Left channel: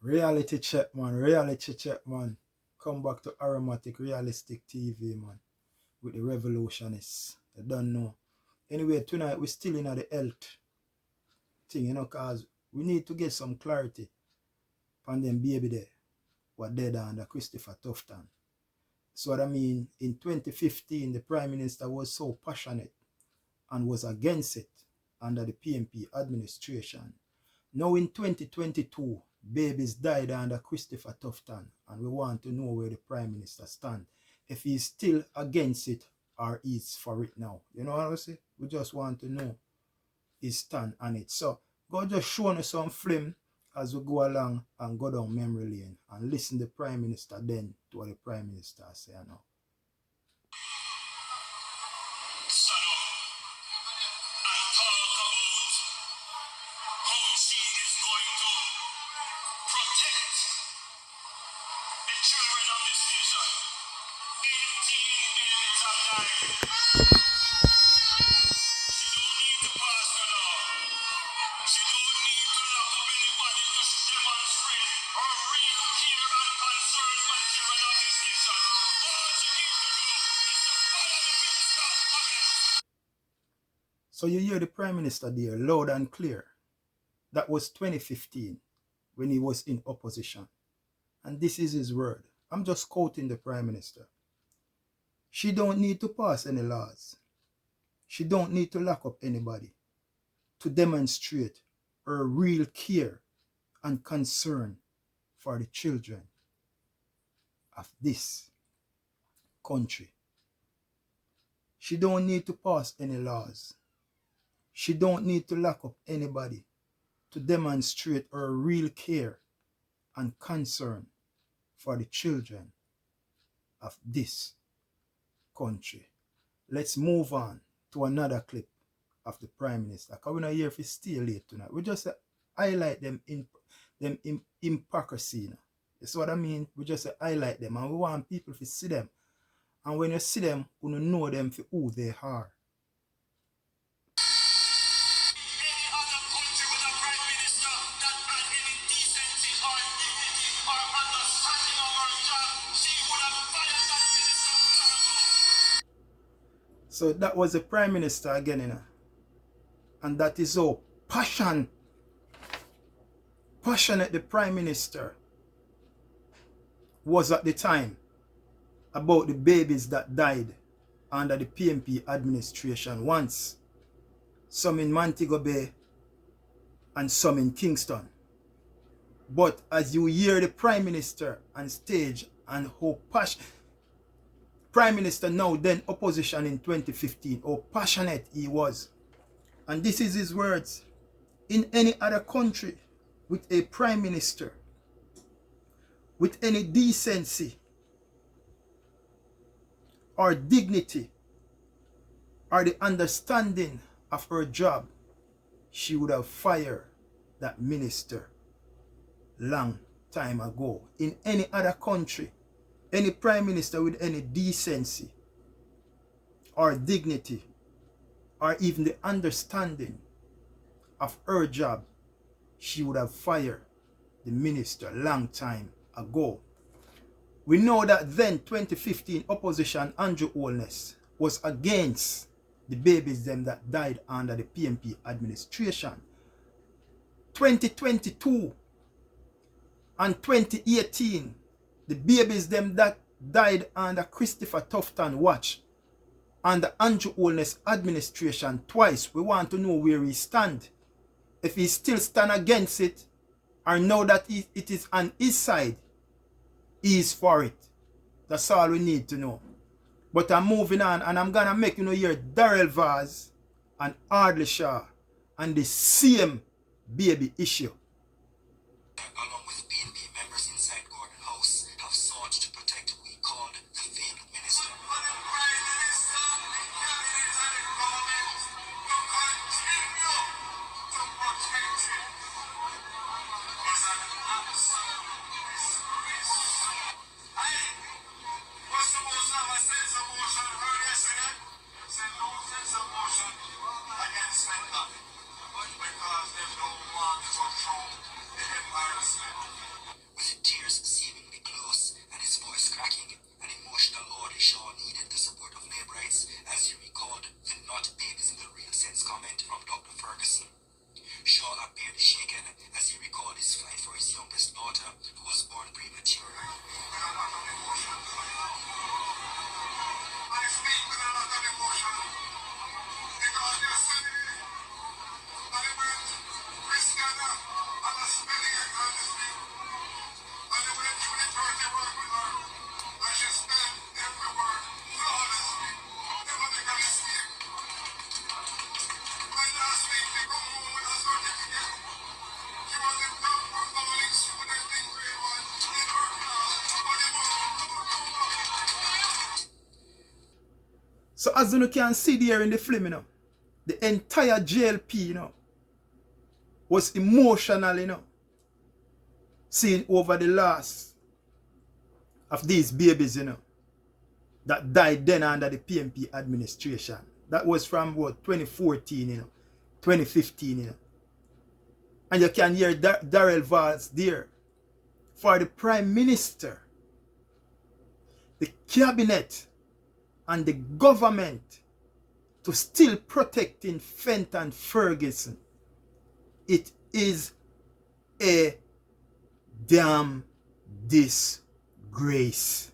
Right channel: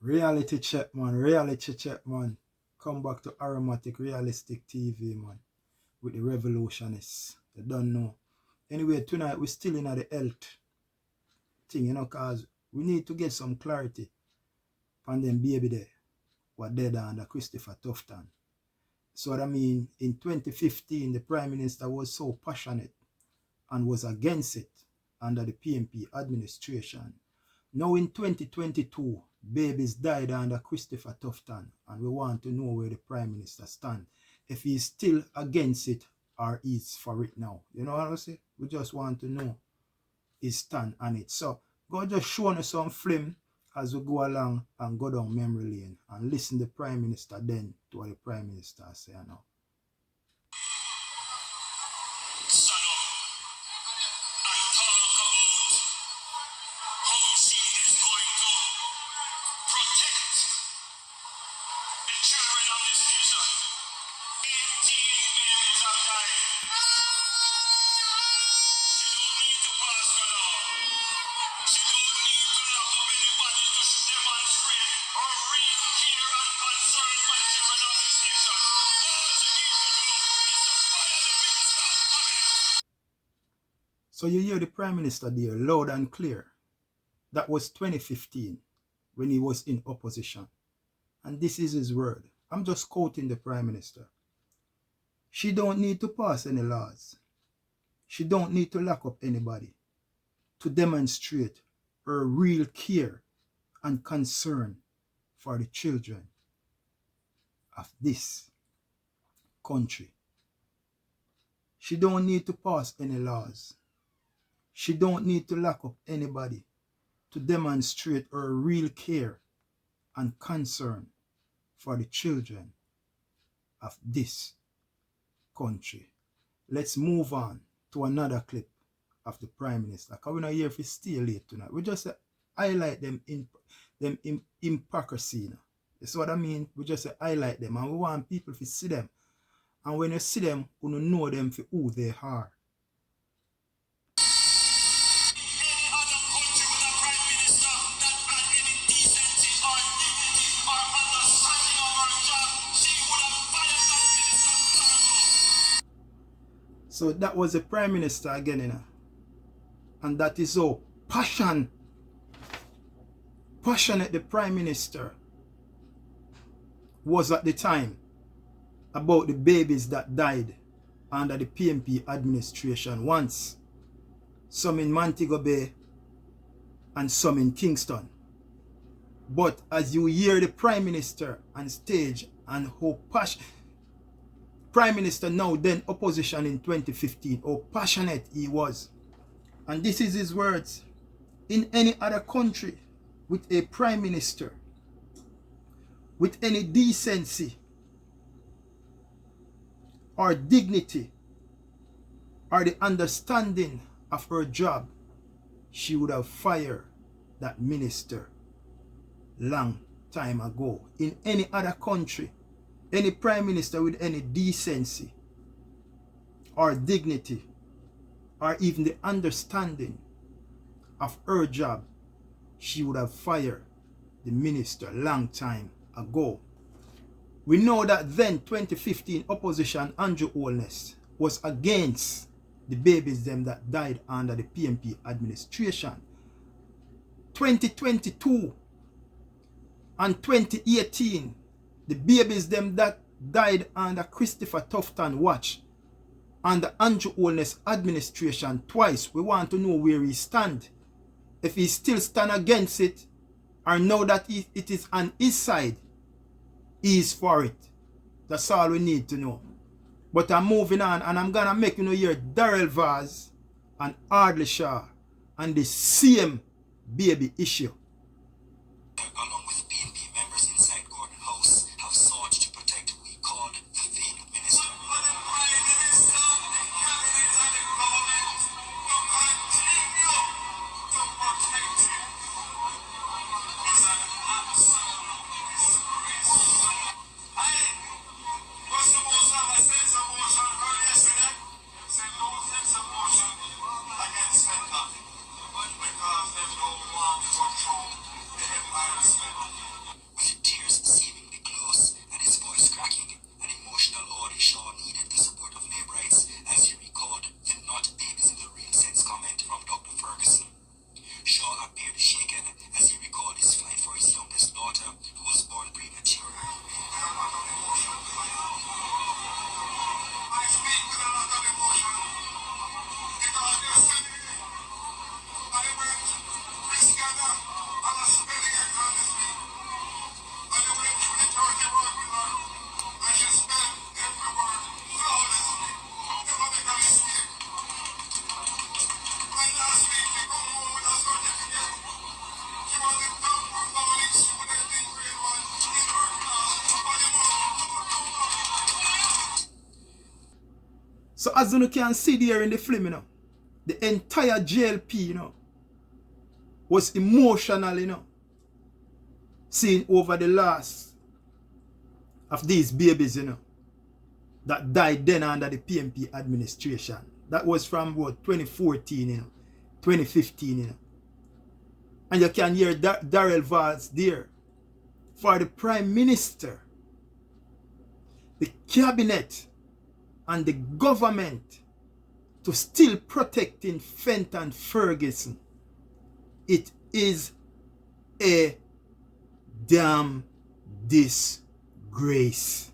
Reality check, man. Reality check, man. Come back to Aromatic Realistic TV, man. With the revolutionists. You don't know. Anyway, tonight we're still in the health thing, cause we need to get some clarity on them baby there. What dead under Christopher Tufton. So what I mean, in 2015, the Prime Minister was so passionate and was against it under the PMP administration. Now in 2022, babies died under Christopher Tufton, and we want to know where the Prime Minister stands. If he's still against it or he's for it now. You know what I'm saying? We just want to know his stand on it. So, go just show us some film as we go along and go down memory lane and listen to the Prime Minister then to what the Prime Minister say now. So you hear the Prime Minister there loud and clear. That was 2015 when he was in opposition. And this is his word. I'm just quoting the Prime Minister. She don't need to pass any laws. She don't need to lock up anybody to demonstrate her real care and concern for the children of this country. She don't need to pass any laws. She don't need to lock up anybody to demonstrate her real care and concern for the children of this country. Let's move on to another clip of the Prime Minister. Because we're not here if it's still late tonight. We just highlight them hypocrisy. That's what I mean. We just highlight them and we want people to see them. And when you see them, you know them for who they are. So that was the Prime Minister again, and that is so passionate the Prime Minister was at the time about the babies that died under the PMP administration once. Some in Montego Bay and some in Kingston. But as you hear the Prime Minister on stage and how passionate Prime Minister now, then opposition in 2015, how passionate he was. And this is his words. In any other country with a Prime Minister, with any decency or dignity or the understanding of her job, she would have fired that minister long time ago. In any other country, any Prime Minister with any decency or dignity or even the understanding of her job, she would have fired the minister long time ago. We know that then 2015 opposition Andrew Holness was against the babies them that died under the PMP administration. 2022 and 2018, the babies them that died under Christopher Tufton watch under Andrew Holness administration twice. We want to know where he stand. If he still stand against it, or know that it is on his side, he is for it. That's all we need to know. But I'm moving on, and I'm gonna make hear Darrell Vaz and Ardley Shaw and the same baby issue. Along with PNP members inside Gordon House have sought to protect who he called the failed minister. Because there's no one to control So as you can see there in the film, you know, the entire JLP, you know, was emotional, you know, seeing over the loss of these babies, you know, that died then under the PMP administration. That was from what, 2014, you know, 2015, you know. And you can hear Darrell Valls there. For the Prime Minister, the cabinet, and the government to still protecting Fenton Ferguson, it is a damn disgrace.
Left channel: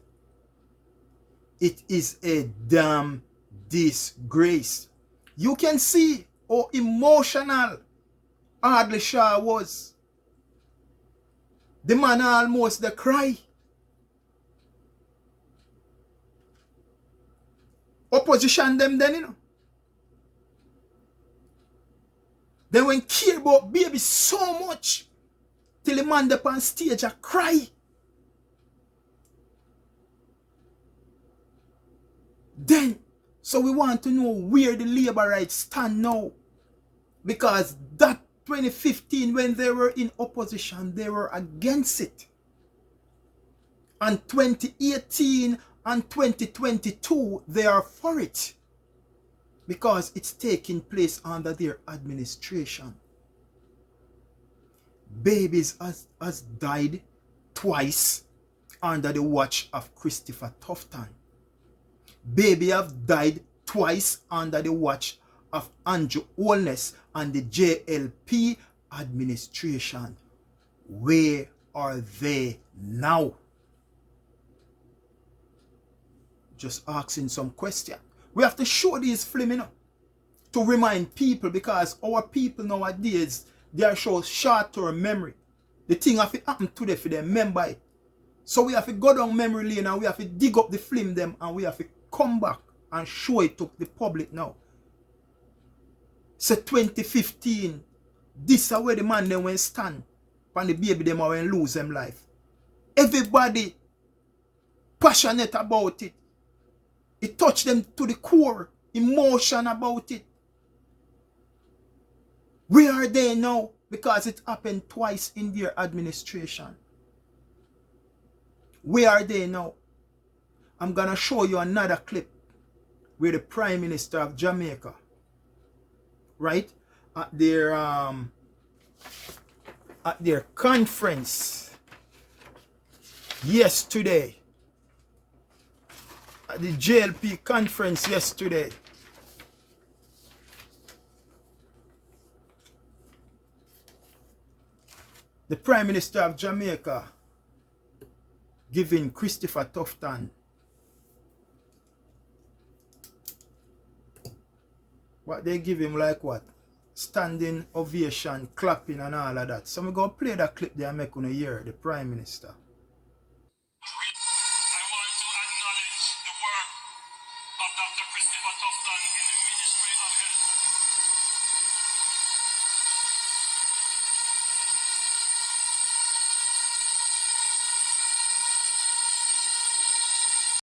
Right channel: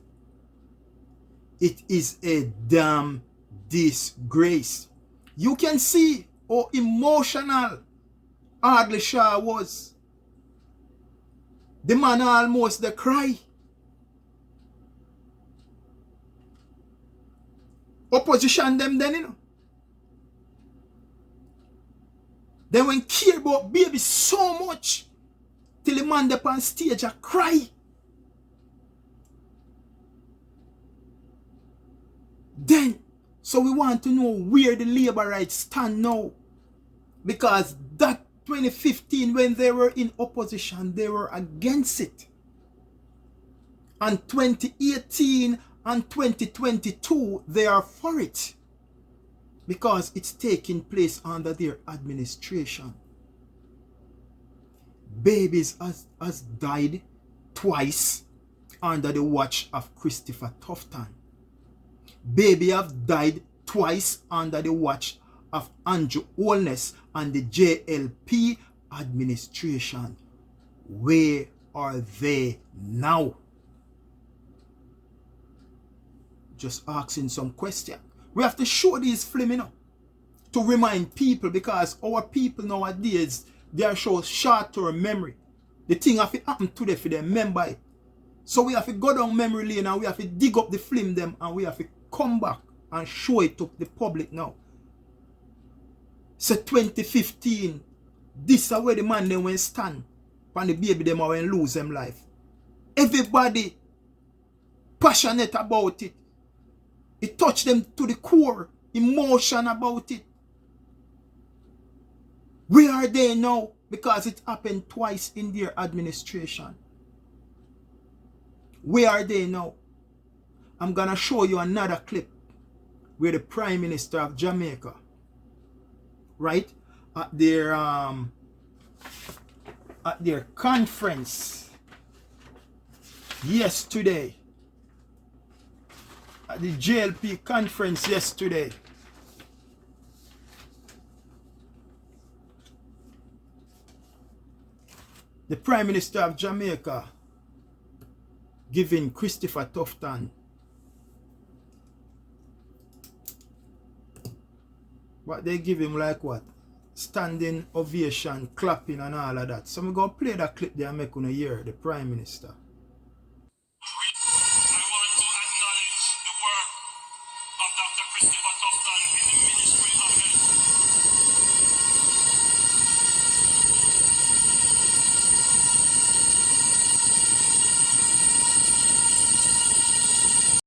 It is a damn disgrace. You can see how emotional Ardley Shaw was. The man almost the cry. Opposition them then, you know. They won't care about baby so much till the man up on stage a cry. Then, so we want to know where the labor rights stand now. Because that 2015, when they were in opposition, they were against it. And 2018 and 2022, they are for it. Because it's taking place under their administration. Babies has died twice under the watch of Christopher Tufton. Baby have died twice under the watch of Andrew Holness and the JLP administration. Where are they now? Just asking some question. We have to show these film, you know, to remind people, because our people nowadays, they are show short-term memory. The thing have to happen today for them, remember it. So we have to go down memory lane and we have to dig up the film them and we have to come back and show it to the public now. So 2015, this is where the man then went stand and the baby them when lose them life. Everybody passionate about it. It touched them to the core, emotion about it. Where are they now? Because it happened twice in their administration. Where are they now? I'm going to show you another clip where the Prime Minister of Jamaica, right, at their conference yesterday, at the JLP conference yesterday, the Prime Minister of Jamaica giving Christopher Tufton what they give him, like what? Standing ovation, clapping and all of that. So I'm going to play that clip there and make you hear the Prime Minister.